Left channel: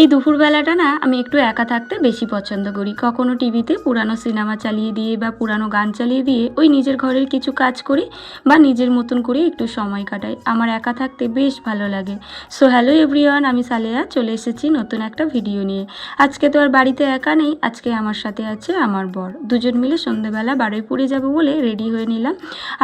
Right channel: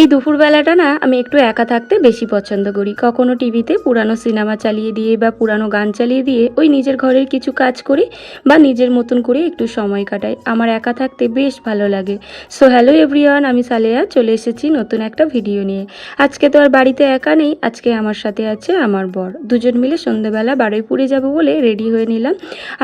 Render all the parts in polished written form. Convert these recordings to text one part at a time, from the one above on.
এই দুপুরবেলাটা না আমি একটু একা থাকতে বেশি পছন্দ করি। কখনো টিভিতে পুরানো সিনেমা চালিয়ে দিয়ে বা পুরানো গান চালিয়ে দিয়ে ওই নিজের ঘরের কিছু কাজ করি বা নিজের মতন করে একটু সময় কাটাই। আমার একা থাকতে বেশ ভালো লাগে। সো হ্যালো এভরিওয়ান, আমি সালেহা চলে এসেছি নতুন একটা ভিডিও নিয়ে। আজকে তো আর বাড়িতে একা নেই, আজকে আমার সাথে আছে আমার বর। দুজন মিলে সন্ধ্যেবেলা বারুইপুরে যাব বলে রেডি হয়ে নিলাম।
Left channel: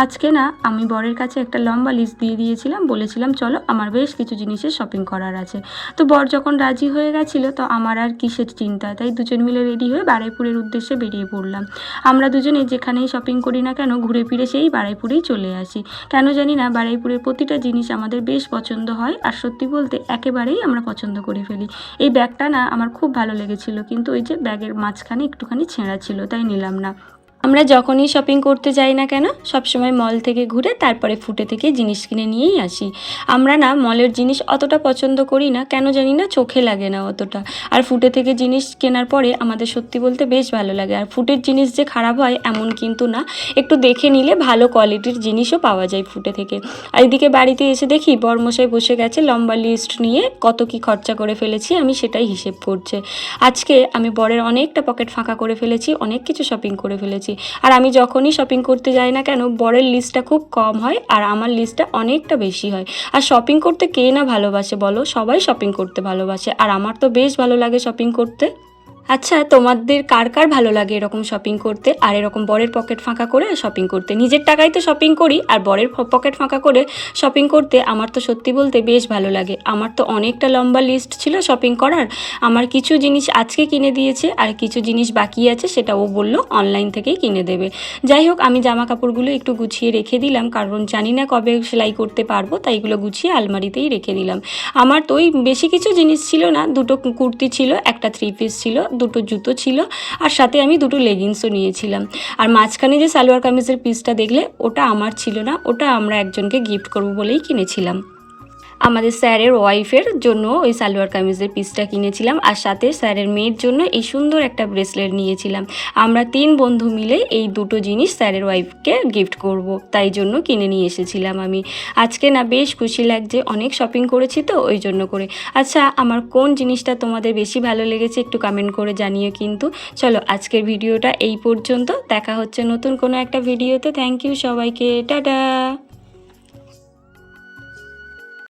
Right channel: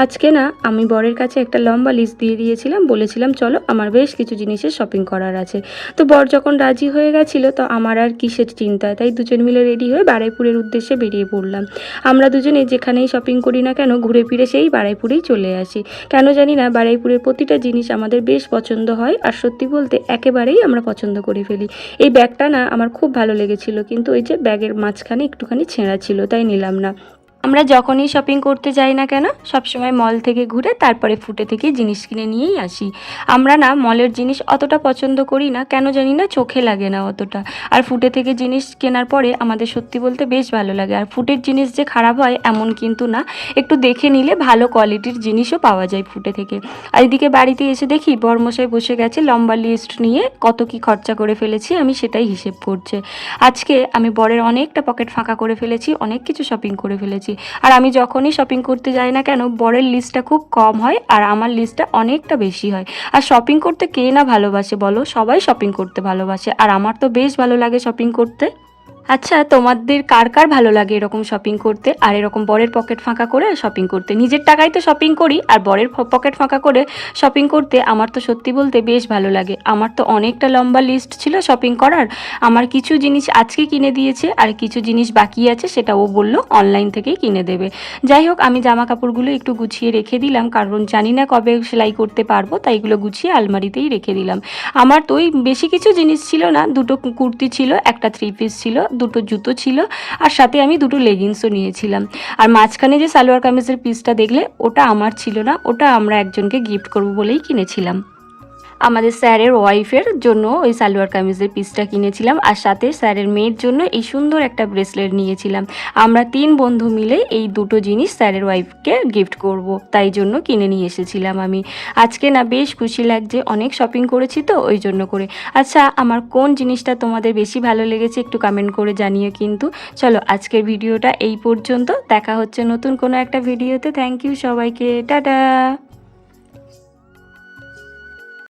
আজকে না আমি বরের কাছে একটা লম্বা লিস্ট দিয়ে দিয়েছিলাম, বলেছিলাম চলো আমার বেশ কিছু জিনিসের শপিং করার আছে। তো বর যখন রাজি হয়ে গেছিলো তো আমার আর কিসের চিন্তা, তাই দুজন মিলে রেডি হয়ে বারুইপুরের উদ্দেশ্যে বেরিয়ে পড়লাম। আমরা দুজনে যেখানেই শপিং করি না কেন ঘুরে ফিরে সেই বারুইপুরেই চলে আসি। কেন জানি না বারুইপুরের প্রতিটা জিনিস আমাদের বেশ পছন্দ হয়, আর সত্যি বলতে একেবারেই আমরা পছন্দ করে ফেলি। এই ব্যাগটা না আমার খুব ভালো লেগেছিল, কিন্তু ওই যে ব্যাগের মাঝখানে একটুখানি ছেঁড়া ছিল, তাই নিলাম না। আমরা যখনই শপিং করতে যাই না কেন সবসময় মল থেকে ঘুরে তারপরে ফুটে থেকে জিনিস কিনে নিয়েই আসি। আমরা না মলের জিনিস অতটা পছন্দ করি না, কেন জানি না, চোখে লাগে না অতটা। আর ফুটে থেকে জিনিস কেনার পরে আমাদের সত্যি বলতে বেশ ভালো লাগে। আর ফুটের জিনিস যে খারাপ হয় এমন কিন্তু না, একটু দেখে নিলে ভালো কোয়ালিটির জিনিসও পাওয়া যায় ফুটে থেকে। আর এদিকে বাড়িতে এসে দেখি বরমশাই বসে গেছে লম্বা লিস্ট নিয়ে, কত কি খরচা করে ফেলেছি আমি সেটাই হিসেব করছে। আজকে আমি বরের অনেকটা পকেট ফাঁকা করে ফেলেছি, অনেক কিছু শপিং করে ফেলেছি। আর আমি যখনই শপিং করতে যাই না কেন বরের লিস্টটা খুব কম হয় আর আমার লিস্টটা অনেকটা বেশি হয়। আর শপিং করতে কে না ভালোবাসে বলো, সবাই শপিং করতে ভালোবাসে, আর আমার তো বেশ ভালো লাগে শপিং করতে। আচ্ছা, তোমাদের কার কার ভালো লাগে এরকম শপিং করতে আর এরকম বরের পকেট ফাঁকা করে শপিং করতে? নিজের টাকায় তো শপিং করি, আর বরের পকেট ফাঁকা করে শপিং করতে আমার তো সত্যি বলতে বেশ ভালো লাগে। আমার তো অনেকটা লম্বা লিস্ট ছিল শপিং করার। আমার কিছু জিনিস আজকে কিনে দিয়েছে আর কিছু জিনিস বাকি আছে, সেটা ও বললো অনলাইন থেকেই কিনে দেবে। যাই হোক, আমি জামা কাপড়গুলো একটু গুছিয়ে রেখে দিলাম, কারণ জানি না কবে সেলাই করতে পারবো, তাই এগুলো গুছিয়ে আলমারিতেই রেখে দিলাম। আমার তো ওই বেশি কিছু জিনিস ছিল না, দুটো কুর্তি ছিল, একটা 3 পিস ছিল, দুটো জুতো ছিল, আর সাথে আমি দুটো লেগিংসও নিয়েছিলাম। আর মাঝখানে যে সালোয়ার কামিজের পিসটা দেখলে ওটা আমার ছিল না, ওটা আমরা একজনকে গিফট করব বলেই কিনেছিলাম। আমাদের স্যারের ওয়াইফের জন্য ওই সালোয়ার কামিজের পিসটা কিনেছিলাম, আর সাথে স্যারের মেয়ের জন্য এই সুন্দর একটা ব্রেসলেট নিয়েছিলাম। আমরা 3 বন্ধু মিলে এই দুটো জিনিস স্যারের ওয়াইফকে গিফট করব, তাই জন্য কিনে নিয়ে এসেছিলাম আমি। আজকে না বেশ খুশি লাগছে, অনেক শপিং করেছি তো ওই জন্য করে। আচ্ছা, আমার কোন জিনিসটা তোমাদের বেশি ভালো লেগেছে একটু কমেন্ট করে জানিও কিন্তু। চলো আজকের ভিডিওটা এই পর্যন্ত, দেখা হচ্ছে নতুন কোনো একটা ভিডিওতে। থ্যাংক ইউ সবাইকে, টাটা।